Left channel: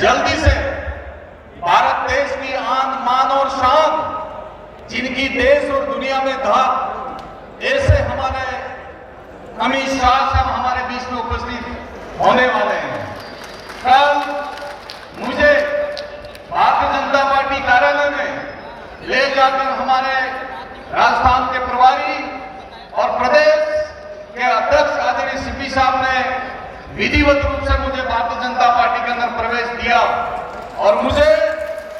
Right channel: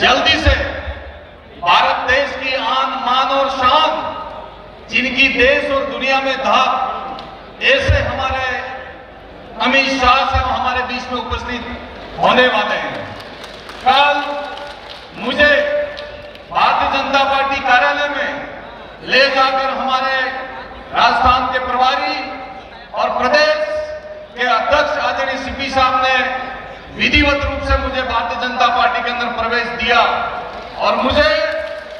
जल्दी से भारत देश की आन मान और शान, जिनकी देश और दुनिया में था, ऐसे हमारे अमित शाह साहब हमारे बीच में उपस्थित होने वाले हैं। कल मुझे भारतीय जनता पार्टी कार्यालय में ले जाकर हमारे राजस्थान के प्रभारी और प्रदेश के अध्यक्ष आदरणीय सीपी साहब ने विधिवत रूप से मुझे भारतीय जनता पार्टी के अंदर प्रवेश दिया और मुझे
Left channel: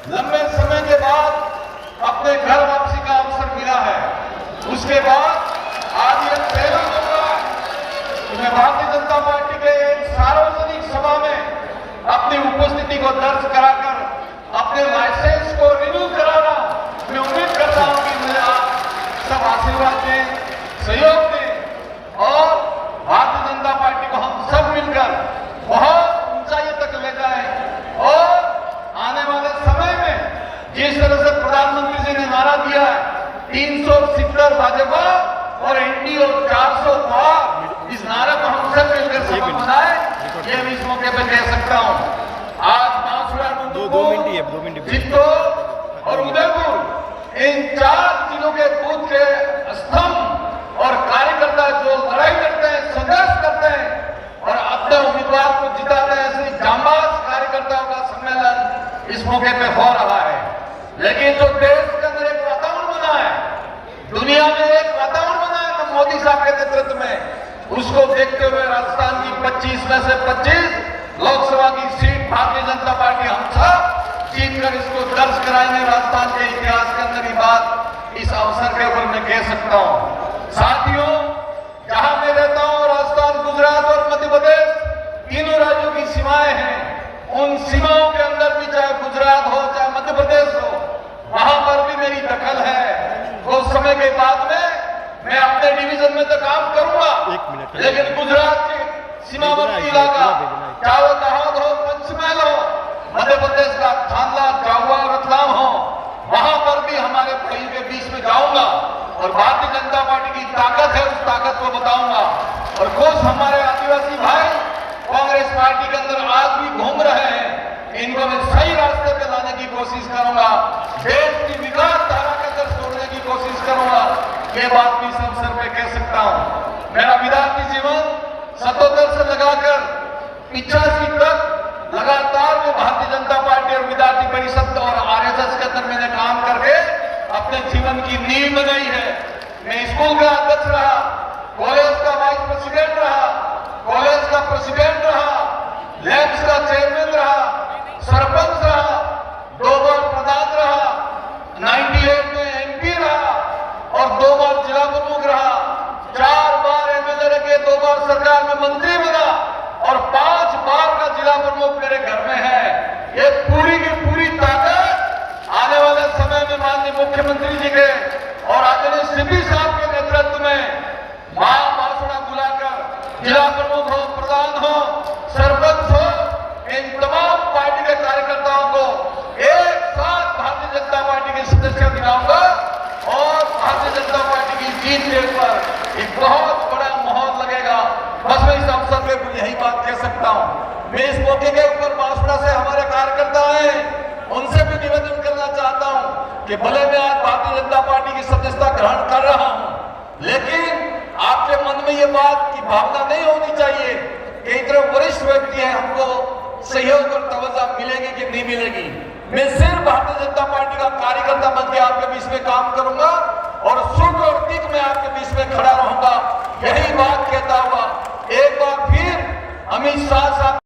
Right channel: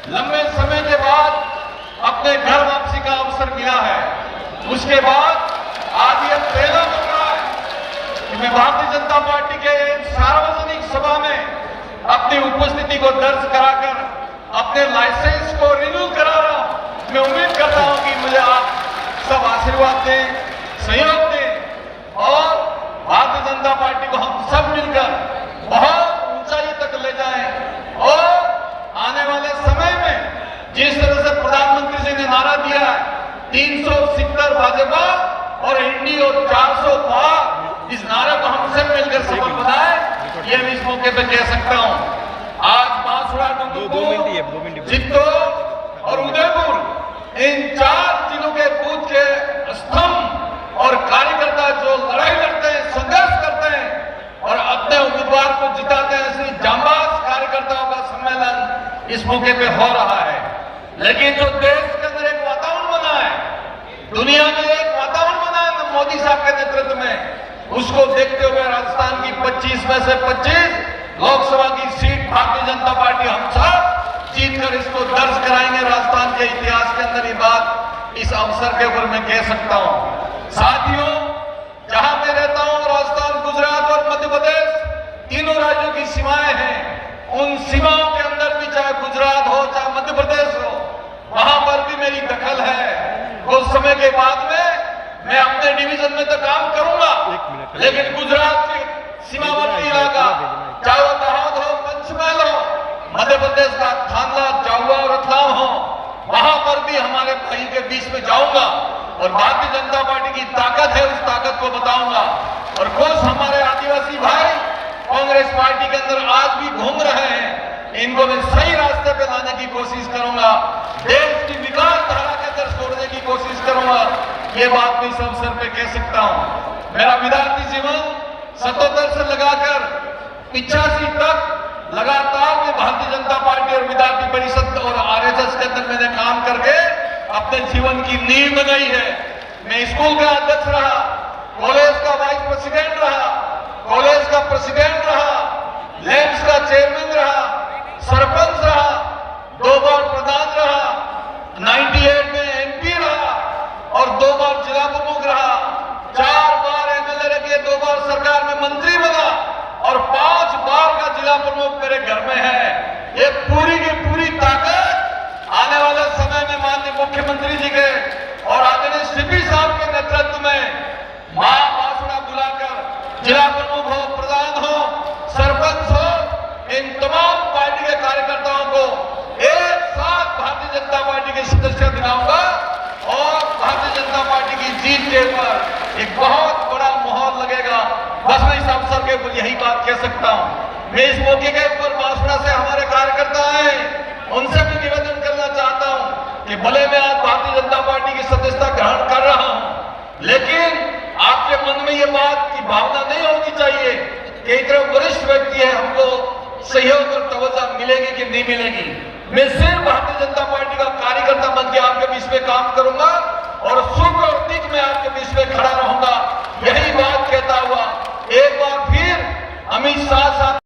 लंबे समय के बाद अपने घर वापसी का अवसर मिला है। उसके बाद आज ये पहला मौका है कि मैं भारतीय जनता पार्टी के सार्वजनिक सभा में अपनी उपस्थिति को दर्ज कराकर अपने लाइसेंस को रिन्यू करा रहा हूं। मैं उम्मीद करता हूं कि मुझे आप सब आशीर्वाद दें, सहयोग दें और भारतीय जनता पार्टी को हम सब मिलकर बहुत ऊंचाई तक ले जाएं और आने वाले समय में जिस तरह से प्रधानमंत्री जी ने नारा दिया है 370 भाजपा और एनडीए 400 पार, इस नारे को हम सब मिलकर सफल बनाएं, ये मैं इस मौके पर कह सकता हूं। आज बांसुड़ा, चित्तौड़ और उदयपुर इन 4 जिलों के बूथ के स्तंभ और कार्यकर्ता जो लड़ाई लड़ते हैं, संघर्ष करते हैं और अपने उम्मीदवार को जिताते हैं, ऐसे जांबाज कार्यकर्ताओं का सम्मेलन इस मौके पे हो रहा है। लेकिन जो देश के अंदर एक वातावरण बना है, दुनिया में एक वातावरण बना है तो मोदी साहब के नेतृत्व में, उसको देखते हुए राजस्थान की 25 में से 25 लोकसभा की सीट भारतीय जनता पार्टी हम सब जीतकर इसको दर्ज कराएंगे। राजस्थान के इतिहास के अंदर ये बात इस अवसर के ऊपर मैं कह सकता हूं। साथियों, जहां मैं रहता हूं राजस्थान, गुजरात और मध्य प्रदेश, तीनों राज्यों की सीमाएं हैं। उन सीमाओं के अंदर भी चाहे गुजरात हो चाहे मध्य प्रदेश हो, वहां पर भी मेरी दखल है। उस समय के बाद में मैं अपने डिवीजन में तो काम करूंगा, लेकिन गुजरात के सीमावर्ती इलाका, चाहे वो दाहोद हो, पंचमहल हो, मध्य प्रदेश का थानला, जाहुआ और रतलाम हो, वहां पर भी हमारे भाई के बीच में जाऊंगा और भारतीय जनता पार्टी की ताकत है, उस ताकत को बताऊंगा। और कुछ हमारे आदिवासी भाई कांग्रेस पार्टी के अंदर आज भी घूम रहे हैं, इनको मैं सही रास्ते पे लाने की कोशिश करूंगा, देश की विकास धारा के अंदर छोड़ने की कोशिश करूंगा। ये बात भी इस अवसर पे कह सकता हूं। मेरा विद्यार्थी जीवन 77 से लगाकर 85 तक लगातार मैं भारतीय जनता पार्टी और विद्यार्थी परिषद और आरएसएस के अंदर मैंने काम करके अपने जीवन की नींव बनाई है। मैं स्कूल का अध्यक्ष रहा, कॉलेज का वाइस प्रेसिडेंट रहा, कॉलेज का प्रेसिडेंट रहा, लैब्स का चेयरमैन रहा, सरपंच रहा, 2 बार प्रधान रहा, 98 में एमपी रहा और 2 बार जिला प्रमुख रहा, 4 बार एमएलए के, 2 बार सरकार में मंत्री बना और 5 बार का जिला प्रमुख मेरे घर में है। ये पूरी की पूरी ताकत आने वाले समय में माननीय मुख्यमंत्री जी के और आदरणीय सीपी साहब के नेतृत्व में मां बांसुड़ा बुलाकर जिला प्रमुख हो, प्रधान हो, सरपंच हो, इन तमाम पार्टी के कार्यकर्ताओं को एक साथ भारतीय जनता पार्टी के सदस्य दिलाऊंगा और भारतीय जनता पार्टी की जीत के ऊपर एक बहुत बड़ा माहौल लगेगा। बस मैं इस अवसर के ऊपर यही बात कह सकता हूं। मैं इस मौके के ऊपर बांसुड़ा से हमारे कार्यकर्ता आए, उनसे भी निवेदन करना चाहता हूं कि भले मैं आज भारतीय जनता पार्टी की सदस्यता ग्रहण कर रहा हूं, लेकिन आपके मन में ये बात की भावना नहीं होनी चाहिए कि इतने वरिष्ठ व्यक्ति है, हमको सहयोग और तवज्जो मिलेगी कि नहीं मिलेगी। मैं सिर्फ भारतीय जनता पार्टी का कार्यकर्ता बन के आपके बीच में काम करूंगा और सुख और दुख में आपके बीच में खड़ा रहूंगा। यही बात कहता हुआ एक बार फिर अमित शाह साहब